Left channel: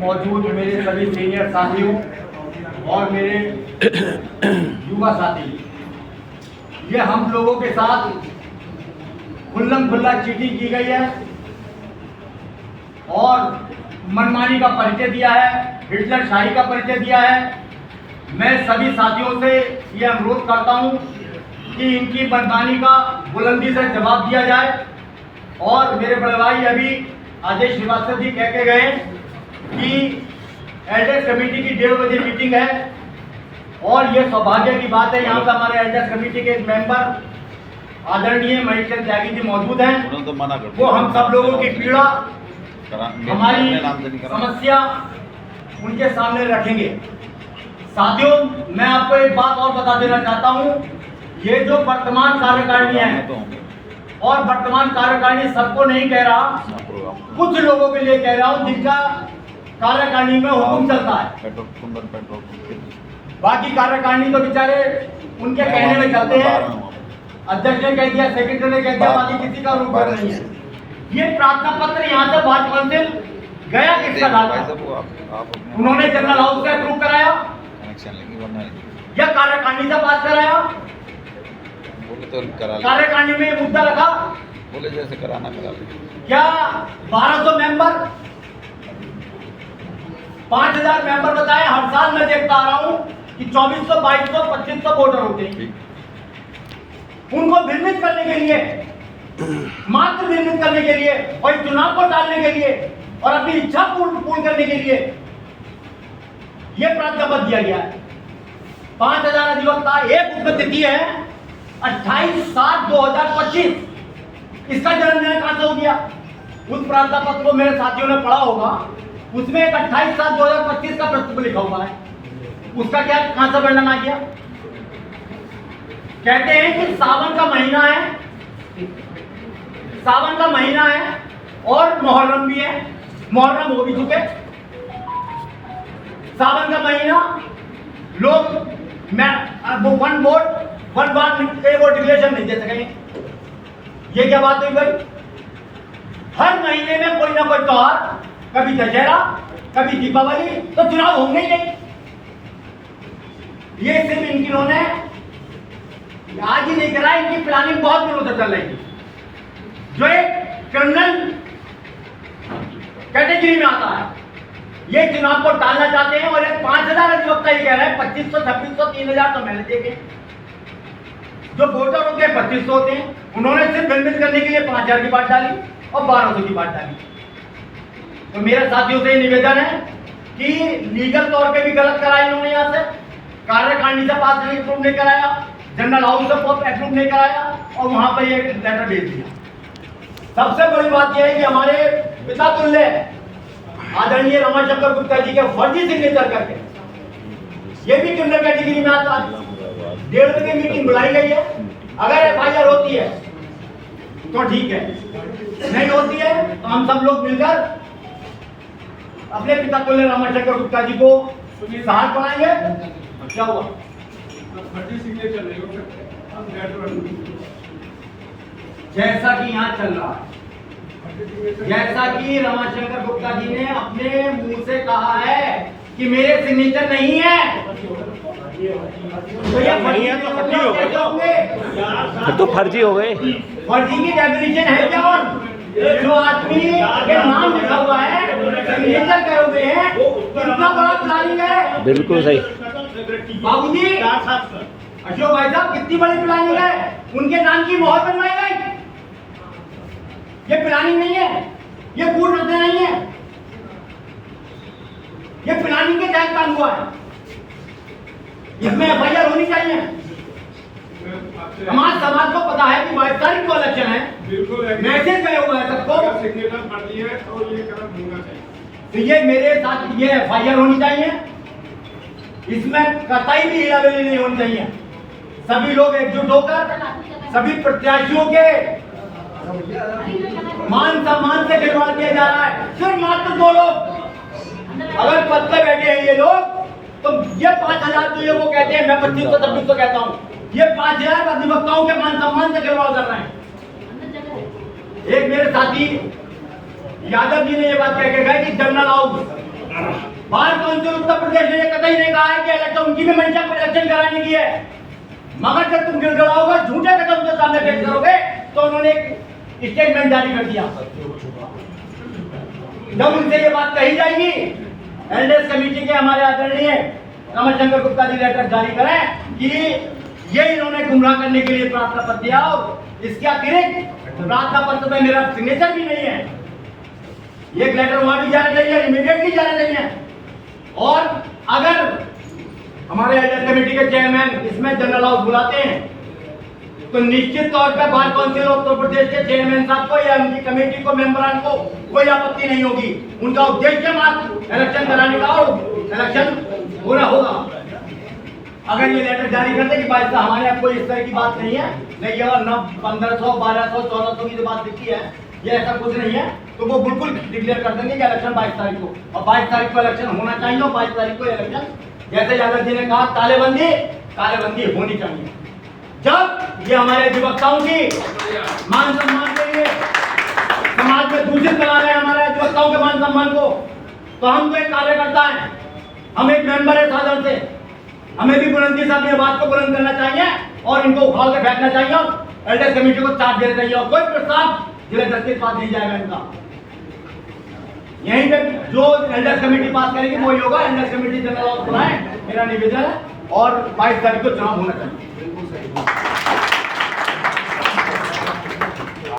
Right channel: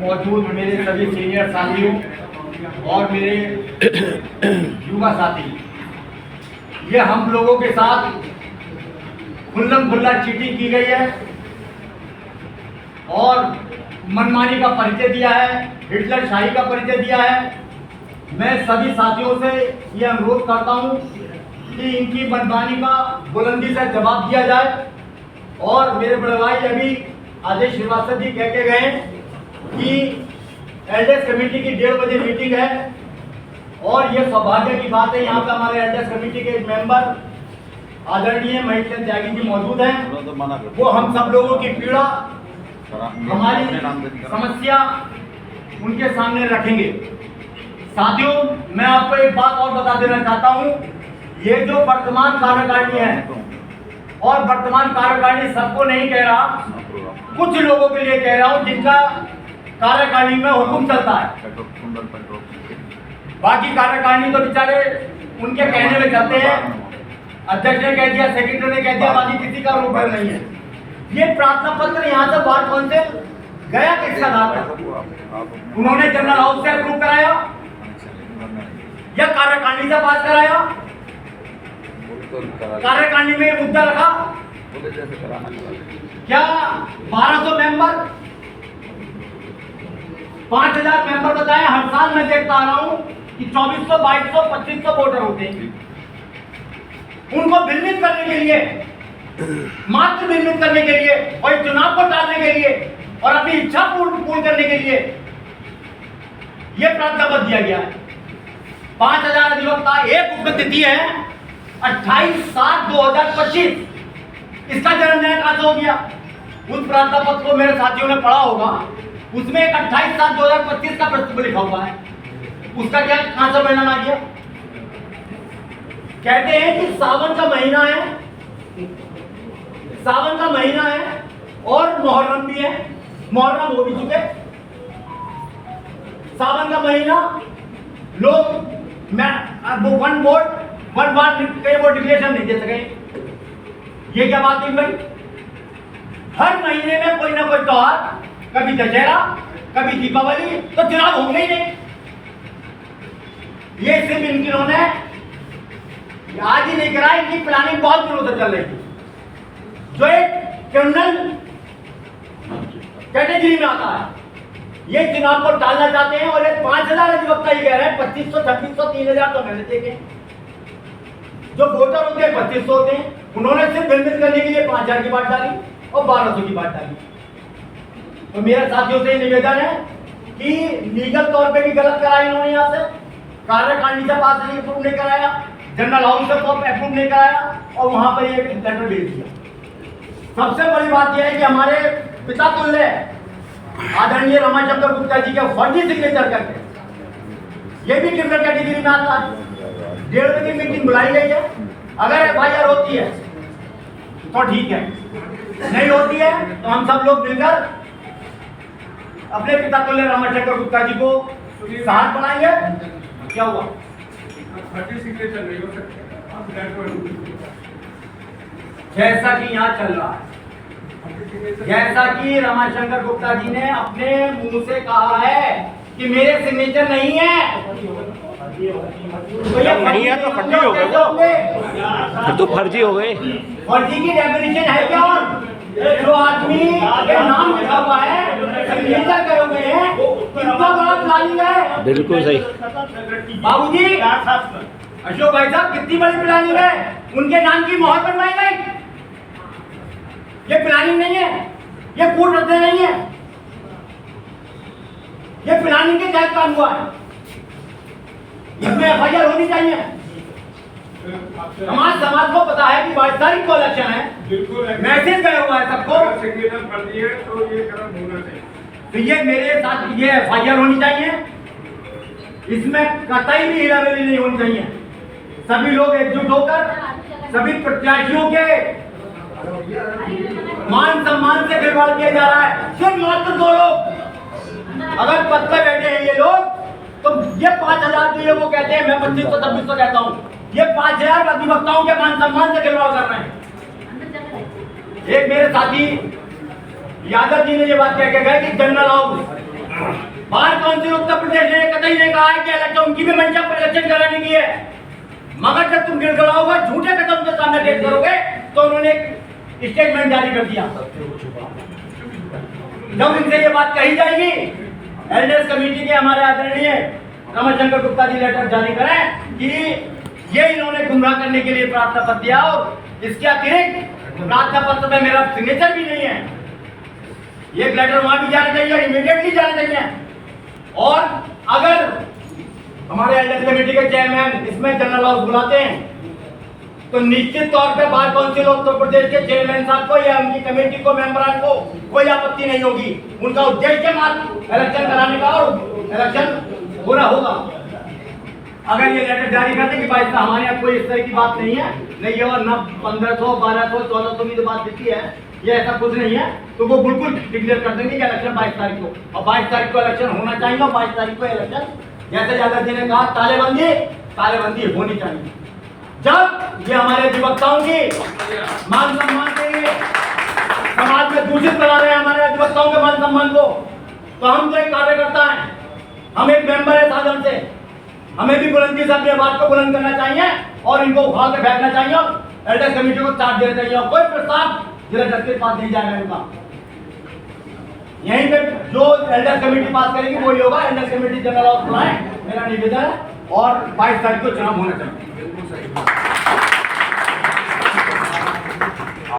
मौजूद मेरे सभी सीनियर साथियों और मेरे युवा साथी, ये हम लोगों के साथ खुल्लम खुल्ला चीटिंग की गई है और मनमानी का परिचय दिया है, हिटलर शाही का परिचय दिया है। मैं सभी साथियों से ये अनुरोध करता हूं कि इनकी मनमानी का बुलंदी से जवाब दिया जाए। और मेरे बड़े भाई अभी आदेश श्रीवास्तव जी कह के गए कि एल्डर्स कमेटी की 1:30 बजे मीटिंग है और ये सौभाग्य की बात है, यहाँ पे हमारे एल्डर्स कमेटी के मेंबर आदरणीय महेश चंद्र त्यागी जी मौजूद हैं। वो हम सब लोगों की पीड़ा, हमारी समस्या उनके सामने रखेंगे। साथियों, मैं आपको एक बात और बता देना चाहता हूँ, ये जो वर्तमान कार्यकारिणी है और वर्तमान कार्यकारिणी सबको नहीं कह रहा, कुछ लोगों के लिए कह रहा हूँ जिनका कार्यकारिणी में हुक्म चलता है। बाकी कार्यकारिणी तो बेचारे उनके कहने में चलते हैं, अध्यक्ष ने कह दिया, सेक्रेटरी ने कह दिया, बाकी किसी का रूप नहीं है। ये प्रार्थना पत्र यहाँ से बार काउंसिल गया किसका डालकर? उन्होंने जनरल हाउस से अप्रूव कराया या कार्यकारिणी से पास कराया? कार्यकारिणी में मुद्दा रखा क्या? 1200 मेंबर, 5000 मेंबर बताए। हर साल मैं देखता आ रहा हूं कि 2400, 2200, 2500 वोटर होते हैं। उनको भ्रमित करने के लिए, मात्र भ्रमित करने के लिए और चुनाव को टालने के लिए और अपनी इच्छा पूर्ण करने के लिए यह प्रार्थना दिया गया है। 5000 अधिवक्ता, एक उसमें तिथि है 28/7/2025। इसका जन्म न्याय कहां से हो गया? उस प्रार्थना पत्र को मेरे साथियों ने पढ़ा होगा, उसमें एक 28/7/2025 का प्रस्ताव लिखा हुआ है। उसका क्या कहां से परिणाम आ गया? कहते हैं कि सावन का महीना है, सावन का महीना है और मुहर्रम भी है। मुहर्रम हो भी चुके, सावन का महीना लोग one vote one vote declaration नहीं दे सके। ये क्या बात हुई भाई? हर महीने में कोई ना कोई त्योहार, कभी दशहरा, कभी दीपावली, तो चुनाव होंगे ही नहीं। ये सिर्फ इन्होंने आज ही नहीं करा, इनकी प्लानिंग बहुत दिनों से चल रही थी। जो एक क्रिमिनल कैटेगरी में आता है, ये चुनाव को टालना चाहते हैं। और एक 5000 अधिवक्ता ही कह रहे हैं 2500, 2600, 3000 तो मैंने देखे। जो वोटर होते हैं 2500 होते हैं, उन्होंने सिर्फ भ्रमित करने के लिए 5000 की बात डाली और 1200 की बात डाली। तो मेरे साथियों से निवेदन है कि लीगल तौर पे भी गलत कराया इन्होंने, यहाँ से कार्यकारिणी से पास अप्रूव नहीं कराया, जनरल हाउस से अप्रूव नहीं कराया और वहां पर एक लेटर भेज दिया। सबसे बड़ी बात यह है कि हमारे पिता तुल्य आदरणीय रमाशंकर गुप्ता जी के फर्जी सिग्नेचर करके ये भी क्रिमिनल कैटेगरी में आता है। 1:30 बजे मीटिंग बुलाई गई है। अगर FIR होती है तो ठीक है, नहीं होती है तो हम सब लोग मिलकर अपने पिता तुल्य रमाशंकर गुप्ता जी को सहायक बनाएंगे। क्या हुआ? सिग्नेचर नहीं हो सकता। जैसा कि यहाँ चल रहा है, जैसा कि रमाशंकर गुप्ता जी ने अपने मुंह से कहा है कि मेरे सिग्नेचर नहीं है, तो ये फर्जी है, तो फर्जी हो गए, तो फर्जी हो गए। फर्जी की डेफिनेशन है क्या? जो आदमी के नाम लिखा हुआ है, सिग्नेचर करे हुए हैं, कितना बड़ा प्लानिंग है। बिल्कुल सही बाबूजी, अशोक भाई साहब, कितनी बड़ी प्लानिंग है। उनके नाम की मोहर बनवाई गई। ये प्लानिंग नहीं है, ये पूर्ण रद्द नहीं है, ये प्लानिंग के तहत काम हुआ है। इसमें FIR होनी चाहिए। हमारे समाज को पता है कि 22 तारीख को इलेक्शन है, मैसेज गया हुआ है सबको, सिग्नेचर पढ़ी है तो ये करम होना चाहिए। तो ये मेरे साथ ये FIR होनी चाहिए। इसमें कतई भी हिलावेली नहीं होनी चाहिए। सभी लोग एकजुट होकर सभी प्रत्याशियों के मान सम्मान से खिलवाड़ किया जा रहा है। सिर्फ मात्र 2 लोग अगर पद पे बैठे हैं, ये लोग, तो ये 5000 जो ये वो कहते हैं, मैं 2500, 2600 कहता हूँ, ये 5000 अधिवक्ताओं के मान सम्मान से खिलवाड़ कर रहे हैं। एक मेरे साथी यादव जी ने ये बात कह के गए कि general house bar council Uttar Pradesh ने कतई नहीं कहा है कि इलेक्शन उनकी भी मंशा पर इलेक्शन कराने की है, मगर जब तुम गिड़गिड़ाओगे, झूठे कदम के सामने पेश करोगे, तो उन्होंने एक स्टेटमेंट जारी कर दिया। जब इनसे ये बात कही जाएगी, एल्डर्स कमेटी के हमारे आदरणीय कमल शंकर गुप्ता जी लेटर जारी करें कि ये इन्होंने गुमराह करने के लिए प्रार्थना पत्र दिया, और इसके अतिरिक्त प्रार्थना पत्र में मेरा सिग्नेचर भी नहीं है। एक लेटर वहां भी जाना चाहिए, इमीडिएटली जाना चाहिए। और अगर हमारे एल्डर्स कमेटी के चेयरमैन इसमें जनरल हाउस बुलाते हैं, तो निश्चित तौर पे बार काउंसिल उत्तर प्रदेश के चेयरमैन साहब को या उनकी कमेटी को, मेंबरान को कोई आपत्ति नहीं होगी। उनका उद्देश्य मात्र इलेक्शन कराने का और इलेक्शन होना होगा। अगर ये लेटर जारी करते कि भाई साहब हमारे यहाँ कोई इस तरह की बात नहीं है, नहीं है न 1500, 1200, 1400 की जो बात देती है, ये ऐसा कुछ नहीं है, तो वो बिल्कुल डिक्लेयर कर देंगे कि इलेक्शन 22 तारीख को, और 22 तारीख को इलेक्शन होना चाहिए, और 22 तारीख को इलेक्शन, जैसे यादव जी ने कहा, तालेबंदी होनी चाहिए। जब ये हमारे अधिवक्ताओं की मान सम्मान के लिए समाज में दूषित बना रहे हैं हमारे अधिवक्ताओं के मान सम्मान को, तो हम तो एक कार्यकर्ता हैं, हम एक मेंबर है साधन से, हमें भी बुलंदी से अपनी आवाज को बुलंद करना चाहिए और इनको उखाड़ के फेंकना चाहिए, और एल्डर्स कमेटी को चार्ज देना चाहिए, और कोई प्रस्ताव जिला जज के पास नहीं जाएगा इनका। यहीं पे जो एल्डर्स कमेटी पास करेगी वही होगा। एल्डर्स कमेटी जनरल हाउस बुलाए, मेरा निवेदन है, और 22 तारीख को चुनाव होना चाहिए।